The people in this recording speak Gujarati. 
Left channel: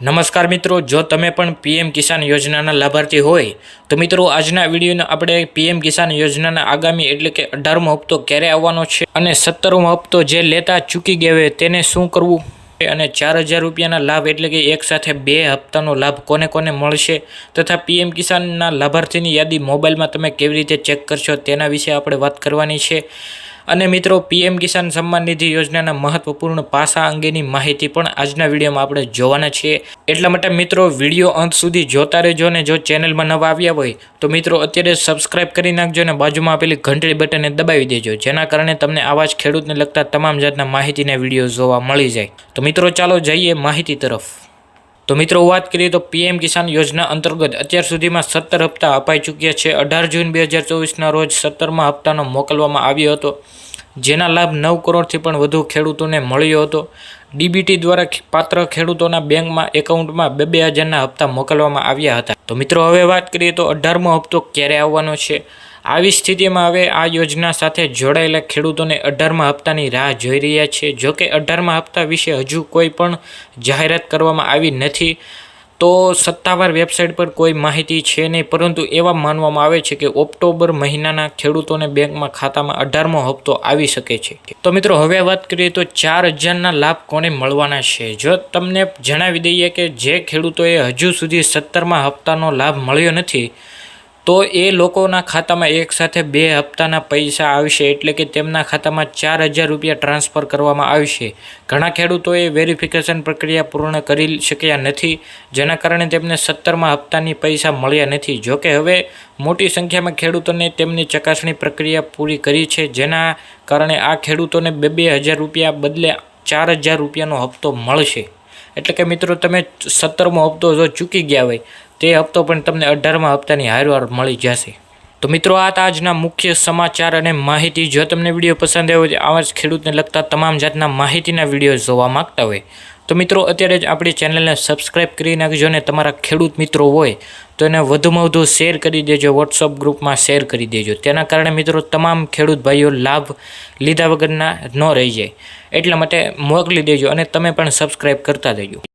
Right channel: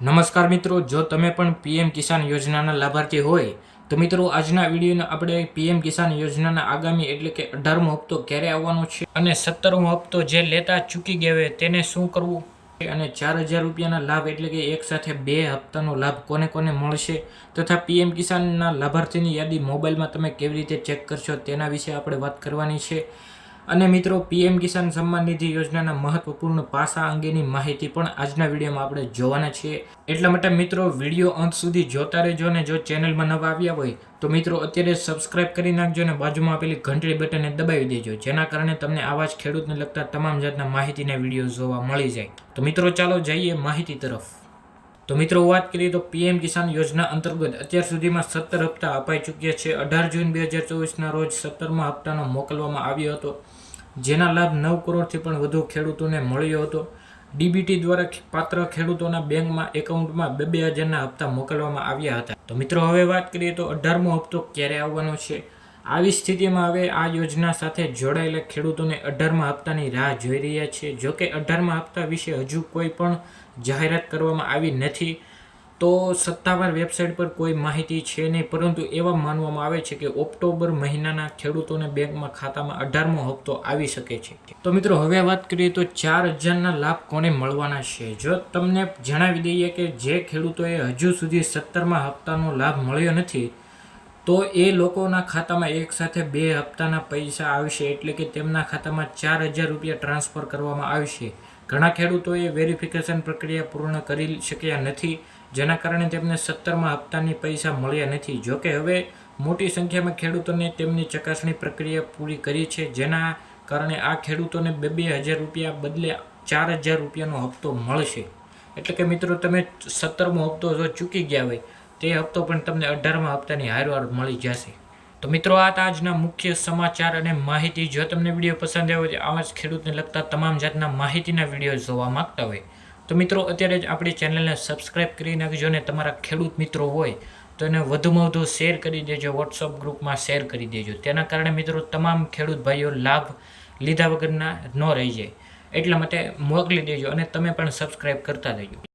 નમસ્કાર મિત્રો, જો તમે પણ પીએમ કિસાન યોજનાના લાભાર્થી હોય તો મિત્રો આજના વિડીયોને આપણે પીએમ કિસાન યોજનાના આગામી એટલે કે 18મો હપ્તો ક્યારે આવવાનો છે અને 17મો હપ્તો જે લેતા ચૂકી ગયા હોય તેને શું કરવું અને 4000 રૂપિયાના લાભ એટલે કે એક સાથે 2 હપ્તાનો લાભ કોને કોને મળશે તથા પીએમ કિસાનના લાભાર્થીની યાદી મોબાઈલમાં તમે કેવી રીતે ચેક કરશો તેના વિશે આપણે વાત કરવાની છે। અને મિત્રો પીએમ કિસાન સન્માન નિધિ યોજનાના મહત્વપૂર્ણ પાસા અંગેની માહિતી પણ આજના વિડીયોમાં આપણે જોવાના છીએ। એટલા માટે મિત્રો વિડીયો અંત સુધી જોતા રહેજો અને જો ચેનલમાં નવા આવ્યા હોય તો મિત્રો અત્યારે સબસ્ક્રાઇબ કરી નાખજો અને બાજુમાં આપેલી ઘંટડી બટનને દબાવી દેજો, જેના કારણે તમને આવા જ ખેડૂતને લગતા તમામ જાતના માહિતીના વિડીયો જોવા મળી જાય। તો મિત્રો ચાલો જઈએ માહિતી તરફ। તો મિત્રો વાત કરીએ તો પીએમ કિસાન યોજના અંતર્ગત અત્યાર સુધીમાં 17 હપ્તા અપાઈ ચૂક્યા છે। 18 જૂન 2024ના રોજ 17મા હપ્તાનો મોકલવામાં આવ્યો હતો, જેના લાભ 9 કરોડથી પણ વધુ ખેડૂતોને મળ્યો હતો। ડીબીટી દ્વારા પાત્ર ખેડૂતોના બેંકમાં એકાઉન્ટમાં 2,000ના હપ્તા મોકલવામાં આવ્યા હતા। તો મિત્રો હવે વાત કરીએ તો 18મો હપ્તો ક્યારે આવવાનો છે। આવી સ્થિતિમાં હવે આ યોજના સાથે જોડાયેલા ખેડૂતોને 18મા હપ્તાની રાહ જોઈ રહ્યા છે। જોકે 18મા હપ્તા વિશે હજુ કોઈ પણ જાહેરાત કરવામાં આવી નથી, તો સત્તાવાર વેબસાઇટ પર કોઈ માહિતી છે નહીં, પરંતુ એવા માનવામાં આવે છે કે ઓક્ટોબર મહિનાના ખેડૂતોને બેંકમાં ખાતામાં 18મો હપ્તો આવી શકે છે। તો મિત્રો હવે વાત કરીએ તો 4000ના લાભ કોને મળવાના છે। જો તમને જણાવી દઈએ કે જે ખેડૂતોએ હજુ સુધી 17મા હપ્તાનો લાભ મળ્યો નથી તો એ લોકોના ખાતામાં એક સાથે 2 હપ્તાના પૈસા આવશે, એટલે કે તેમના ખાતામાં 4000 રૂપિયા ટ્રાન્સફર કરવામાં આવશે। ઘણા ખેડૂતોએ વેરિફિકેશન પ્રક્રિયા પૂર્ણ કરી શક્યા નથી, જેના કારણે તેમને 17મા હપ્તાની પૈસા મળ્યા નથી। જોકે હવે મોટી સંખ્યામાં ખેડૂતોને તેમની ચકાસણી પ્રક્રિયા પૂરી કરી છે, જેના કારણે આ ખેડૂતોને 2,000 રૂપિયા બદલે 4000 રૂપિયાનો હપ્તો મળશે। એટલે કે મિત્રો તમે 17મો હપ્તો જો ચૂકી ગયા હોય તે હપ્તો પણ તમને 18મા હપ્તાની હારવાર મળી જશે। તો મિત્રો આ હતા આજના મુખ્ય સમાચાર અને માહિતી। જો તમને વિડીયો પસંદ આવ્યો હોય, આવા જ ખેડૂતને લગતા તમામ જાતના માહિતીના વિડીયો જોવા માંગતા હોય તો મિત્રો અત્યારે જ આપણી ચેનલને સબસ્ક્રાઈબ કરી નાખજો અને તમારા ખેડૂત મિત્રો હોય તો એને વધુમાં વધુ શેર કરી દેજો, વોટ્સઅપ ગ્રુપમાં શેર કરી દેજો। તેના કારણે મિત્રો તમામ ખેડૂત ભાઈઓ લાભ લીધા વગરના ન રહી જાય, એટલા માટે મોકલી દેજો અને તમે પણ સબસ્ક્રાઈબ કરતા દેજો।